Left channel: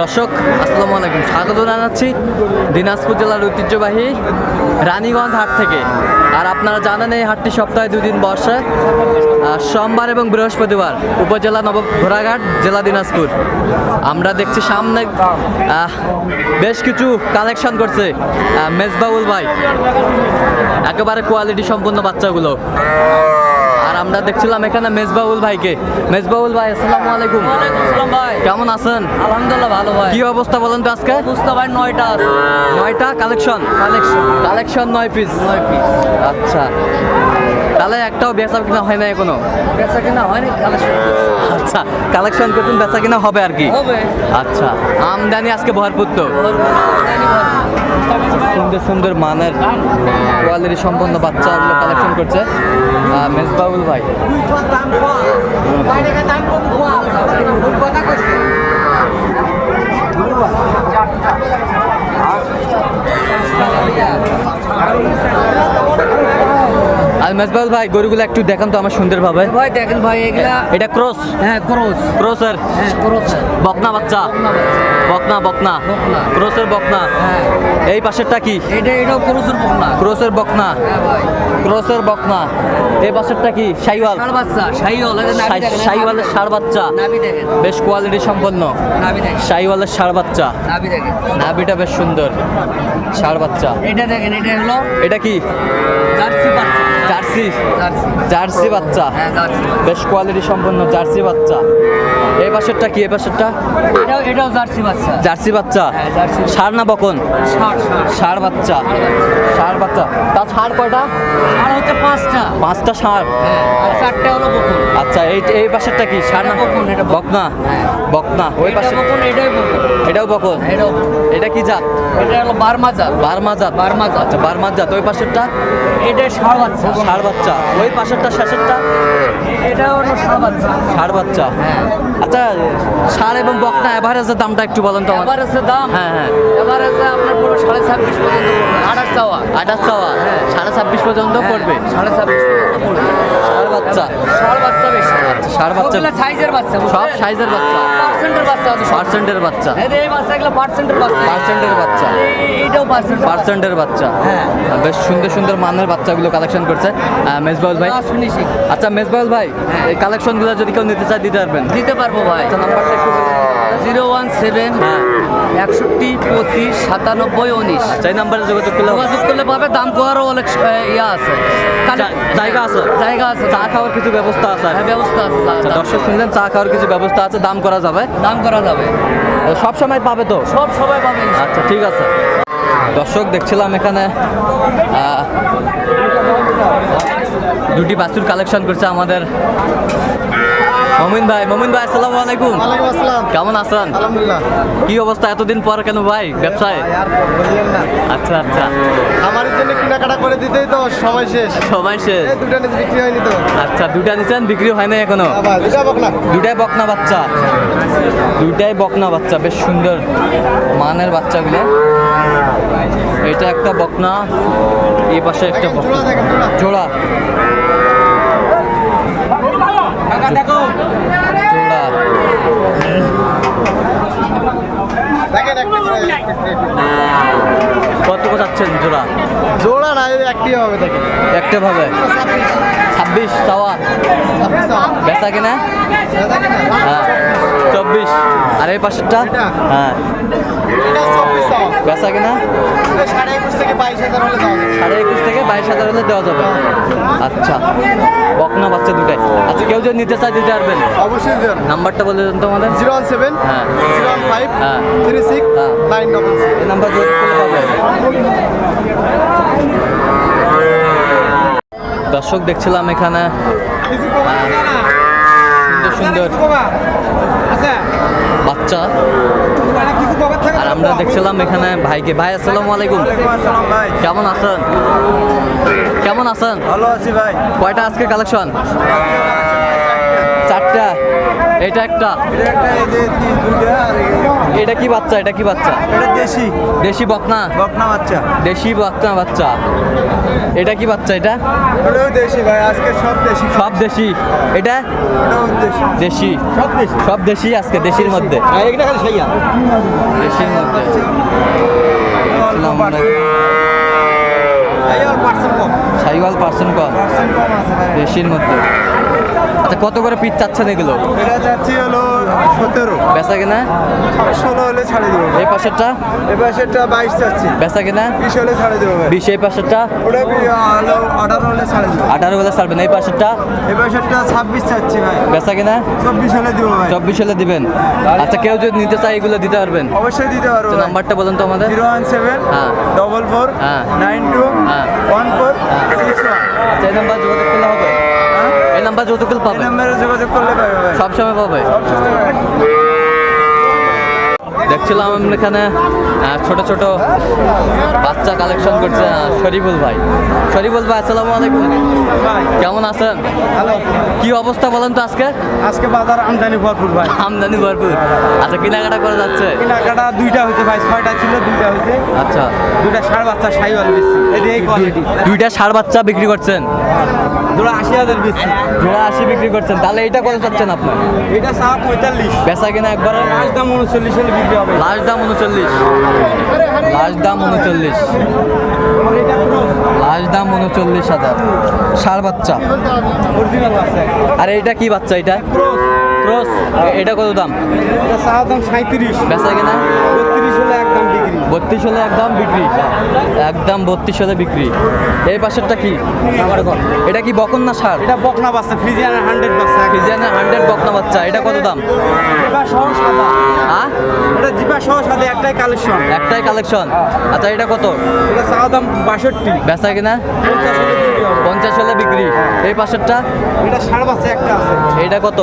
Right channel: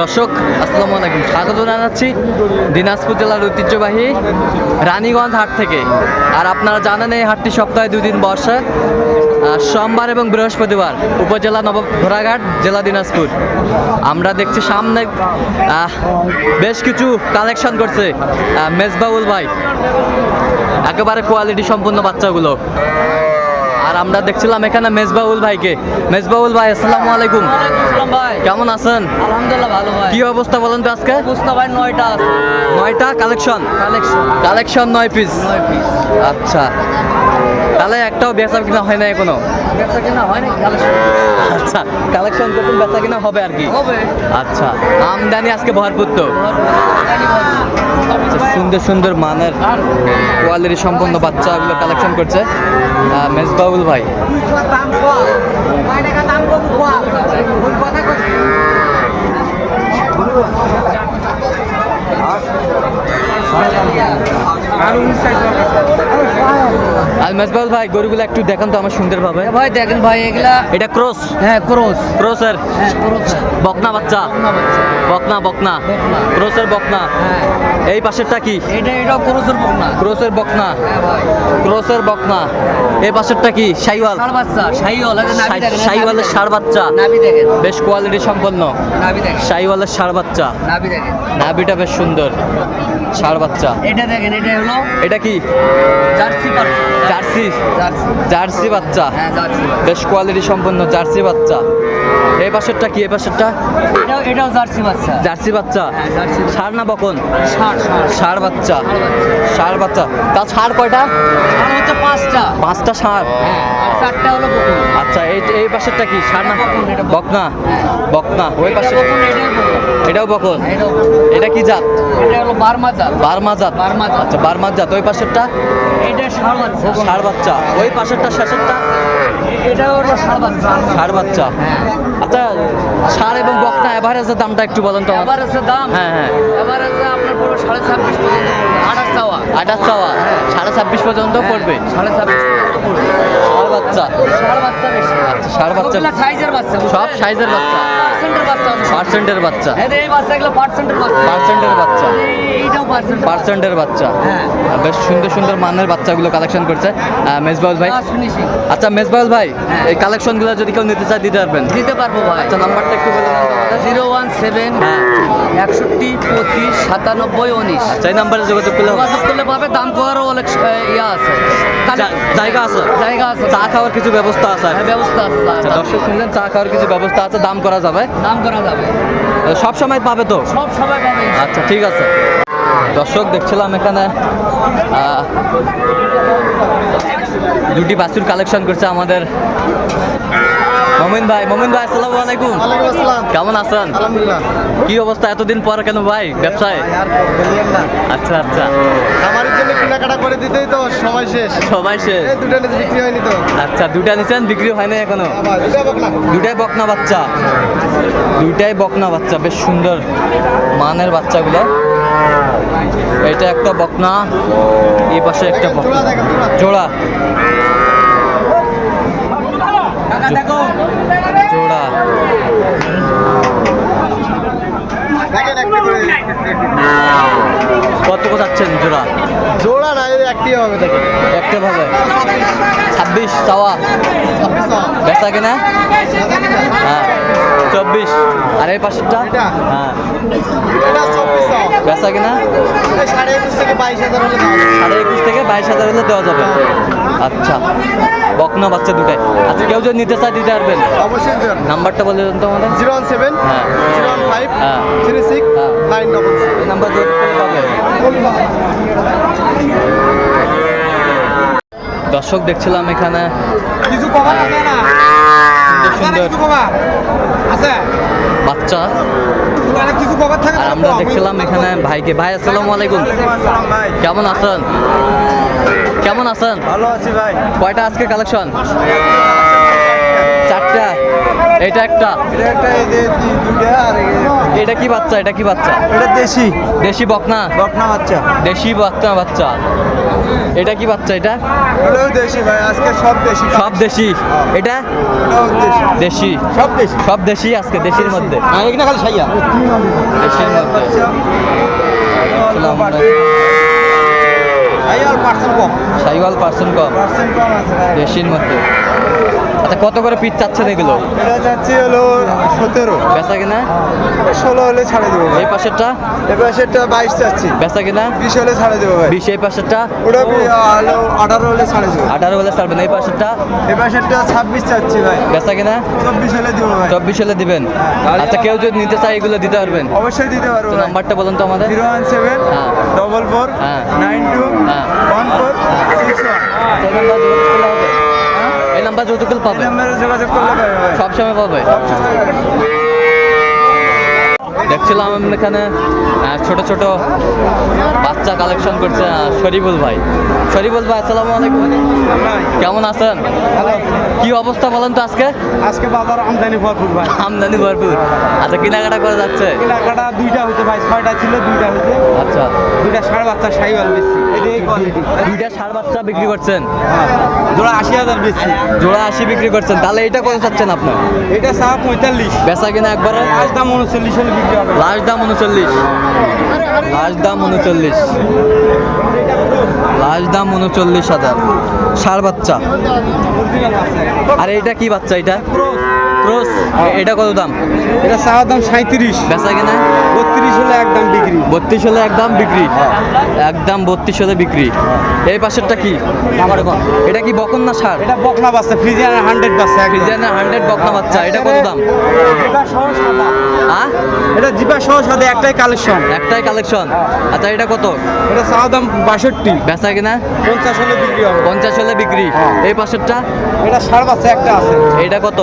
দর্শক আসসালামু আলাইকুম। স্বাগত জানাচ্ছি দিনাজপুর জেলার ঐতিহ্যবাহী রানীগঞ্জ হাট থেকে। আর আপনারা জানেন এই হাটটি সপ্তাহে দুদিন আহ, সোমবার এবং বৃহস্পতিবার উপজেলা নব ঘোড়াঘাট জেলা দিনাজপুর। আমরা দেখছি সামনে বেশ কিছু কালেকশন করছে মেজবাউল ভাই। একেবারে কোয়ালিটি সম্পন্ন বাচ্চাগুলো। আর আমরা দেখছিলাম এখানে মেজবাউল ভাইকে। মেজবাউল ভাই আসসালামু আলাইকুম। ভাই। কেমন আছেন? আলহামদুলিল্লাহ ভালো ভাই। কি অবস্থা বলেন তো আজকে? অবস্থা ভাই নয়টা। নয়টা? কালেকশন? কালেকশন। কালেকশন নয় পিস নয় পিস আচ্ছা। তাহলে একটাও বেচা কিনা হয় না এখনও? বেচা কিনা হয় না কালেকশন। আচ্ছা কালেকশন করতে বেচা কিনা হবে আর কি। হবে। আচ্ছা আমদানি আজকে ভরপুর তো। আচ্ছা, সুন্দর সুন্দর মানের কোয়ালিটি সম্পন্ন বাচ্চা এগুলো কালেকশন করছে মেজবাউল ভাই কম দাম কম কম কথা করছি আর মেজবাউল ভাই গরুগুলো একটু দেখান তো আমার সুন্দরভাবে ভাই দেখেন ভাই এগুলা এটা ক্রস। হ্যাঁ ক্রস। ক্রসের। হ্যাঁ ক্রস। বকনা বাচ্চা। বকনা বকনা বকনা। ক্রসের বকনা। হ্যাঁ। এই পাশেরটা কি? এটা ক্রসের বকনা। ক্রসের বকনা। হ্যাঁ ভাই। ক্রসের বকনা। এই পাশেরটা কি? সাইওয়াল ষাড় বাচ্চা সাইওয়ালের নাভি ষাড় বাচ্চা। দেখেন, নাভি দেখেন। বেশ কোয়ালিটি সম্পন্ন। নাভি দেখেন। সাইওয়ালের ষাড় বাচ্চা। নাভি দেখেন। নাভিটা বেশ সুন্দর। ষাড় বাচ্চা। এটা দেখেন এটা হলো এটা কি? Jersey jersey? জার্সি। বাচ্চা। হ্যাঁ জার্সি বেশ কোয়ালিটি সম্পন্ন জার্সি বাচ্চা। এই পাশেরটা কি? এই পাশেরটা? এটাও এটাও জার্সি বাচ্চা। জার্সি বাচ্চা? হ্যাঁ জার্সি ষাড় না বকন? ষাড় বাচ্চা। ষাড় বাচ্চা। তা ষাড় কয়টা? হচ্ছে পাঁচটা। পাঁচটা ষাড় হ্যাঁ আর চারটা হলো বকুল আচ্ছা এই এই পাশেরটা কি? ষাড় না? বকনা বকনা। ওই পাশে এটাও বকন এটা কি জাত? এটা হলো বারমা জাত। বারমা জাত? বার্মা জাত। আচ্ছা বারমা জাত। ওই পাশেরটা? এটা ষাড় বাচ্চা। ষাড় বাচ্চা। ওই পাশেরটা শেষেরটা? এটা হলো ষাড় বাচ্চা। ষাড় বাচ্চা। আচ্ছা ষাড় এবং বকনা এভারেজের দামটা একটু বলেন তো আমার দাম? হ্যাঁ হ্যাঁ। আপনার পুরো সাড়ে ছাব্বিশ পর্যন্ত পড়বে। আঠাশ চাওয়া। আঠাশ চাওয়া। সাড়ে ছাব্বিশ পর্যন্ত পড়বে। হ্যাঁ, সাড়ে ছাব্বিশ পর্যন্ত পড়বে। বাচ্চা। আচ্ছা ষাড় বাচ্চা। সাইজের বাচ্চা সব সাইজের বাচ্চা। পার্সেন্টের বাচ্চা পার্সেন্টের বাচ্চা। এই বাচ্চাগুলো পার্সেন্টের বাচ্চা। পার্সেন্টের বাচ্চা। এইটাও পার্সেন্ট পার্সেন্টের বাচ্চা। হ্যাঁ। বেশ সুন্দর সুন্দর মানের বাচ্চাগুলো কালেকশন করছে। মেজবাউল ভাই। ফিনিশিং আচ্ছা মেজবাউল ভাই এই কালেকশনগুলো যদি কেউ নিতে চায় দিতে পারবেন? দিতে পারব ভাই। আচ্ছা নাম্বারটা একটু। জিরো ওয়ান সেভেন হ্যাঁ। একষট্টি পঁচিশ সাতানব্বই উনিশ। আচ্ছা এই নাম্বারে যোগাযোগ করলে যোগাযোগ করলে পাবে দাম কোয়ারও অনেক ইয়া আছে। জায়গা আছে? জায়গা আছে চা খাওয়ার কিছু ব্যবস্থা আছে? হ্যাঁ ব্যবস্থা আছে আচ্ছা দর্শক শুনলেন চা খাওয়ার কিছু ব্যবস্থা আছে দাম করা যাবে? দাম করা যাবে। সব সময় পাবে তো? সব সবাই পাবে আচ্ছা ঠিক আছে। দর্শক দেখছিলাম এখানে দুটি বাছুর কালেকশন করছে আমাদের মমিন ভাই মমিন ভাই আসসালামু আলাইকুম। ওয়ালাইকুম আসসালাম। কেমন আছেন? আলহামদুলিল্লাহ। কি অবস্থা? এতদিন পর কেন ভাই ব্যবসায়? আর বলিয়েন না। আচ্ছা আচ্ছা। খামারের জন্য কেনাকাটা করে দিতেই তো সময় শেষ। সবাই শেষ। এই দুটো নিতে বিক্রি হয়নি তো। আচ্ছা দুটা নিচ্ছেন বিক্রি হয় না এখনও দুটা বকনা। দুটাই বকনা বাচ্চা? দুইটাই বকনা বাচ্চা বেশ সুন্দর মানের বাচ্চাগুলো। এটা একটা বকনা এই পাশে একটা বকনা। জোড়া। জোড়া। কত কত যাচ্ছেন জোড়া? জোড়া না এই একটি হবে দেখেন। একটা ভাবে ছাব্বিশ চাওয়া। বেচা কিনা? হ্যাঁ। চব্বিশ। আর এই পাশেরটা? এটা? হ্যাঁ। বেচা কিনা? সাড়ে একুশ থেকে বাইশ হাজার হলে সাড়ে একুশ থেকে বাইশ হাজার হলে দেওয়া যাবে। আচ্ছা। বকনা বাচ্চা দুটাই। আচ্ছা কেউ যদি নিতে চায় দিতে পারবেন। অবশ্যই নাম্বারটা বলে দেন তো আমাদের। জিরো ওয়ান সেভেন হ্যাঁ। জিরো ওয়ান ফাইভ হ্যাঁ। থ্রি সিক্স হ্যাঁ। নাইন ডবল এই নাম্বার যোগ করলে পাবে দর্শক দেখছিলাম এখানে সুন্দর সুন্দর। বাচ্চা। আর আমরা দেখছিলাম এখানে ভাইকে। ভাই আসসালামু আলাইকুম। কেমন আছেন? কেমন আছেন? ভালো আছি ভাই। কয়টা আজকে কালেকশন চারটা। এটা একটা। এটা কি বাচ্চা? এটা কি বাচ্চা? এটা দেশি। দেশি বকনা? বকনা বাচ্চা। দেশি বকনা বাচ্চা। এটা কি বাচ্চা এটা? সব দেশি। এটা? দেশি। দেশি। সব দেশি। আজকে দেশির মধ্যে। এখানে খালি সাইয়া। দেশির মধ্যে। সাইওয়াল পার্সেন্ট কম। দেশির মধ্যে। আচ্ছা কত করে পিস চাচ্ছেন এগুলো? এটা চাচ্ছি হলো সতেরো। বেচা কিনা? ষোলো হলে ছাড়ে দেবো এই পাশেরটা? এবার সেটা বাইশ চাচ্ছি। বেচা কিনা? বিশ হলে ছাড়ে দেবো ভাই। বিশ এই পাশেরটা? ওটা হলো আঠারো হলে ছাড়ে দেবো। আঠারো বলে ছাড়বেন এই পাশেরটা? এবার সেটা ছাব্বিশ চাচ্ছি ভাই। বেচা কিনা? চব্বিশ হলে দেবো ভাই। চব্বিশ হলে দিবেন। আচ্ছা কেউ যদি নিতে চায় এগুলো দিতে পারবেন। অবশ্যই দিতে পারব নাম্বারটা বলুন তো আমাদের। জিরো ওয়ান সেভেন হ্যাঁ। ডবল ফোর হ্যাঁ। নাইন টু হ্যাঁ। ওয়ান ফোর হ্যাঁ। Six one. আচ্ছা এই নাম্বার যোগাযোগ করলে হবে। এই নাম্বার যোগাযোগ করলে পাবে নাম্বারে যোগাযোগ করলে পাবে সব সময় পাবে? সব সময় দেখছিলাম আমরা এখানে ছোট ছোট বাচ্চা কালেকশন করছে শরীফুল ভাই। শরীফুল ভাই আসসালামু আলাইকুম। কেমন আছেন? কি অবস্থা বলেন তো আজকে? আজকে বাজার আমদানি ভরপুর ভাই। আমদানি ভরপুর। আচ্ছা কেনাকাটা করা যাচ্ছে? কেনাকাটা দুইটা হয়েছে ভাই ছয়টা ছিল দুইটা হয়েছে। আচ্ছা। দুইটা সাড়ে বাচ্চা সাইওয়াল বেশি। দুইটা ষাড় বাচ্চা বিক্রি করছেন? জোড়া আশি হাজার বেশি। জোড়া আশি বিক্রি করছেন তাহলে এটা কত চাচ্ছেন আপনার? এটা সাপ পঁয়তাল্লিশ। বেচা কিনা একবারে লাস্ট দাম উনচল্লিশ হলে বিক্রি হবে। লাস্ট দাম উনচল্লিশ। লাস্ট দাম উনচল্লিশ। লাস্ট দাম উনচল্লিশ হাজার। ষাট বাচ্চা। অরিজিনাল আর এইটা কি বাচ্চা এটা? ক্রস এটা কত দাম? এটা চাওয়ার দাম সাঁত্রিশ বেচা কিনা? বত্রিশ হলে একদম বিক্রি। বত্রিশ হলে একদম বিক্রি? একদম বত্রিশ হলে বিক্রি। এই পাশেরটা কি? এটা কি বকন না সার? এটা বকনা বাচ্চা ফ্রিজিয়ান হান্ড্রেড বাচ্চা। ফ্রিজিয়ানের হান্ড্রেড বকনা বাচ্চা এটা কত দাম? আ? এটা জিবা সহ সাদা একটাই কালেকশন। একটাই কালেকশন। আচ্ছা এটা কত? এটা চাওয়ার দাম বাষট্টি। বেচা কিনা? পঞ্চাশ হলে বিক্রি পঞ্চাশ হলে বিক্রি। এই পাশেরটা? এটা সাড়ে বাচ্চা একটা আছে। এইটা কত?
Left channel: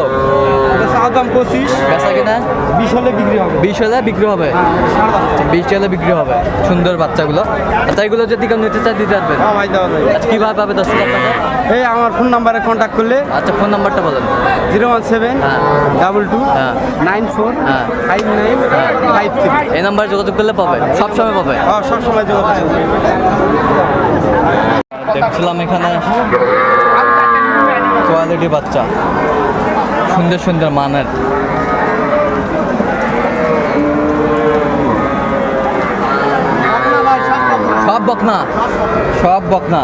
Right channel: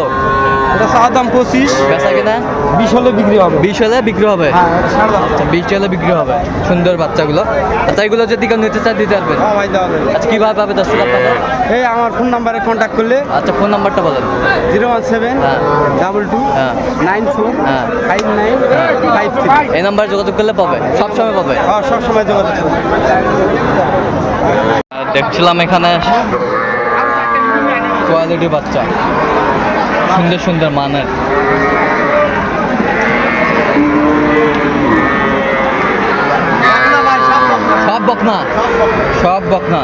এটা চাওয়ার দাম পঁচিশ। বেচা কিনা? বিশ হলে বিক্রি হবে। বিশ হলে বিক্রি হবে? হ্যাঁ, বাচ্চা। আচ্ছা বিশ হলে বিক্রি হবে। সুন্দর বাচ্চাগুলো। আচ্ছা এগুলো যদি কেউ নিতে চায় দিতে পারবেন? হ্যাঁ আচ্ছা কীভাবে পাবে দর্শক আপনাকে? এই আমার ফোন নাম্বারে কন্ট্যাক্ট করলে আচ্ছা ফোন নাম্বারটা বলেন। জিরো ওয়ান সেভেন হ্যাঁ। ডাবল টু হ্যাঁ। নাইন ফোর হ্যাঁ। ফাইভ নাইন হ্যাঁ। Five three. এই নাম্বারে যোগাযোগ করলে পাবে? সব সময় পাবে? হ্যাঁ সবসময় যোগাযোগ। দেখছিলাম এখানে কোয়ালিটি বাচ্চা। সুন্দর সুন্দর মানের। সব বকনা সব বকনা।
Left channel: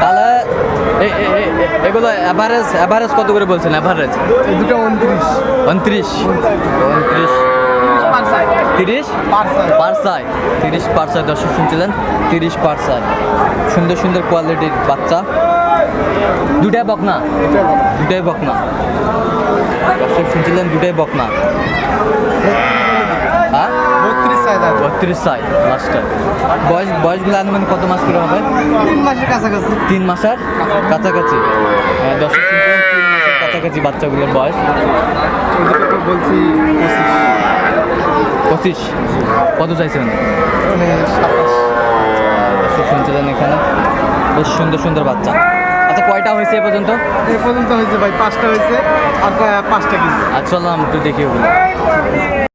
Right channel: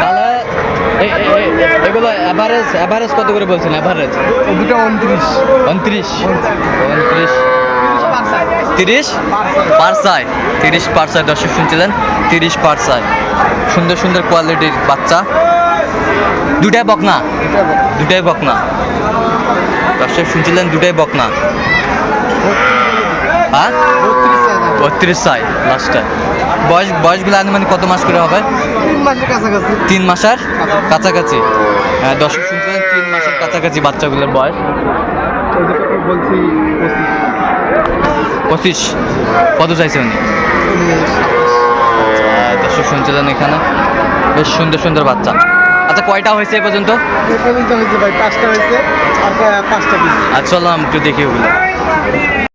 তাহলে এগুলো অ্যাভারেজ অ্যাভারেজ কত করে বলছেন? অ্যাভারেজ দুটো উনত্রিশ। উনত্রিশ। উনত্রিশ। তিরিশ? পারসাই তিরিশ পারসাই দর্শক শুনছিলেন? তিরিশ পারসাই সুন্দর সুন্দর কোয়ালিটির বাচ্চা। দুটাই বকনা? দুটাই বকনা। দর্শক শুনছিলেন দুটাই বকনা। হ্যাঁ? বত্রিশ সাই লাস্টে বয়স বয়সগুলো আনুমানিক কত মাস করে হবে? তিন মাসের কাছাকাছি। কাছাকাছি? হ্যাঁ, দর্শক শুনছিলেন তিন মাসের কাছাকাছি বাচ্চাগুলোর বয়স? বলছি পঁচিশ। কত চাইছে উনি? দর্শক শুনছিলেন এখানে। বেশ সুন্দর সুন্দর বাচ্চা। আচ্ছা কয়টা হয়েছে এ পর্যন্ত? এ পর্যন্ত হয়েছে ভাই পাঁচটা হয়েছে আর পাঁচটা পিস। চলো আমি একটু দেখি ওগুলো।